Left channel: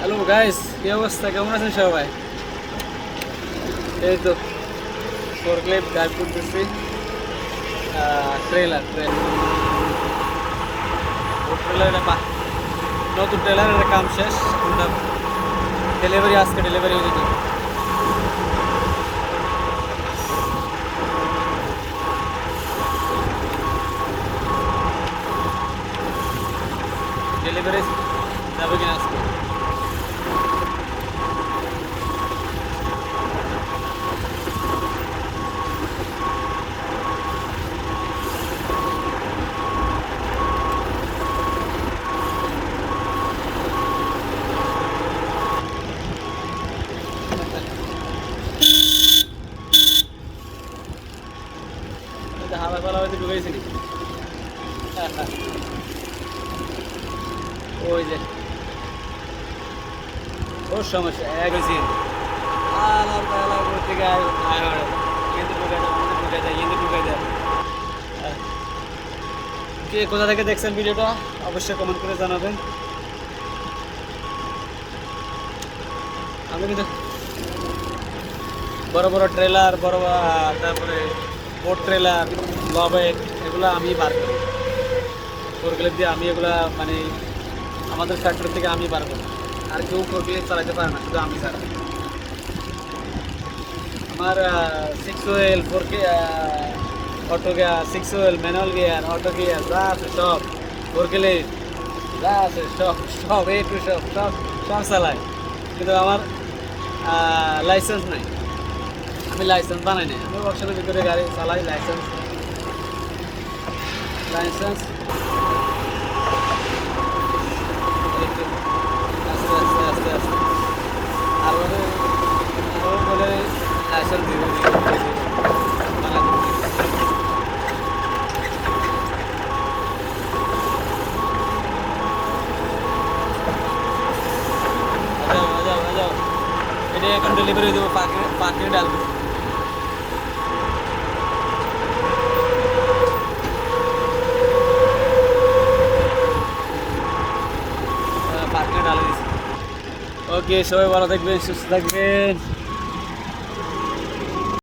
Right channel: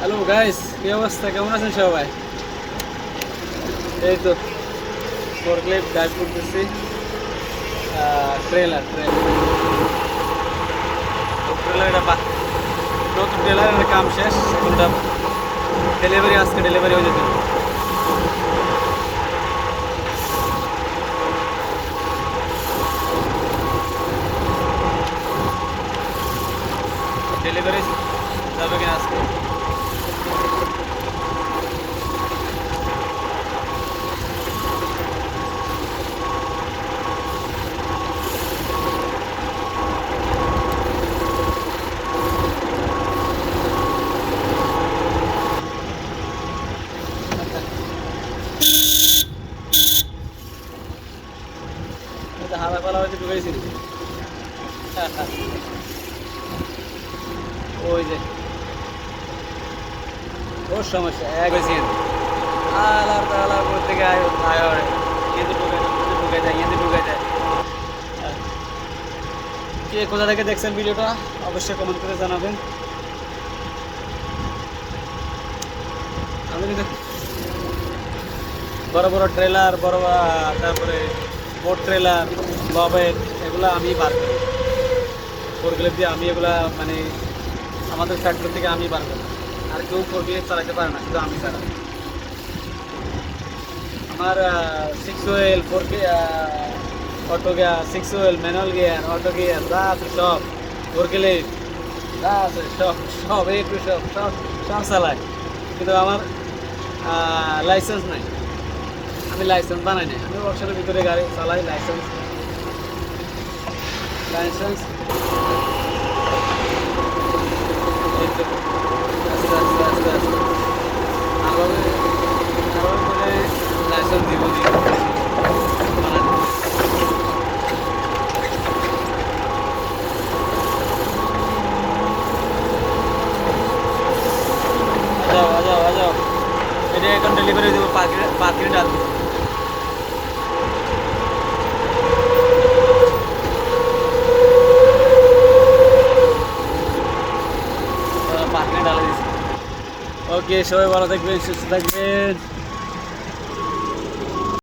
Hello guys, কি অবস্থা? কেমন আছেন সবাই? এই তো ফোরক্লিপ ড্রাইভ করতেছি। ট্রেলার ও ট্রেলার এটা নতুন ট্রেলারের কাম শেষ। এখন ওটা ডেলিভারি, আজকে ডেলিভারি হয়ে যেত। ডেলিভারি যাবে কিনা আজকে? হালা পালা হয়তো ঢুকাইছি। ওই যে ওর সমস্যা এক হয়েছে আলার তালা করতে গিয়ে আয় হয় ইয়েতে ঢুকে যায় ইয়েতে ঢুকে যায়। কে কোথা থেকে দেখছেন ভিডিওটা অবশ্যই কমেন্ট করে জানাবেন। আমি কিন্তু বড় বড় ট্রেলার তারপরে বোট ট্রেলার লবেট এগুলো আমি বার করি। ফোরক্লিপ দিয়ে আমি এগুলা মানে আমাদের ফ্যাক্টরি থেকে আমি বার করি। আর কেউ ফোরক্লিপ চালাতে পারে না, শুধু আমি ছাড়া। আমার 6 well 4K auto gear, 6 well manual gear, auto gear যা আছে সব ফোরক্লিপ যা আছে সব সব এ টু সব সব সব চালায়। কিন্তু আমার লাইসেন্স নাই, আমি লাইসেন্স বানাই নাই। আমি ওয়ার্কশপের ভিতরে গাড়ি চালাই, লাইসেন্স এই তো আস্তে আস্তে আস্তে আস্তে আরভাবে বলে লাইসেন্স দিব বানা দিব। আ যাও এটা এখন ডেলিভারি দেবো, পার্কিংয়ে ডাল দেবো। পার্কিংয়ে ডালে দিয়েছি। ওকে, সবাই ভালো থাকবেন, সুস্থ থাকবেন।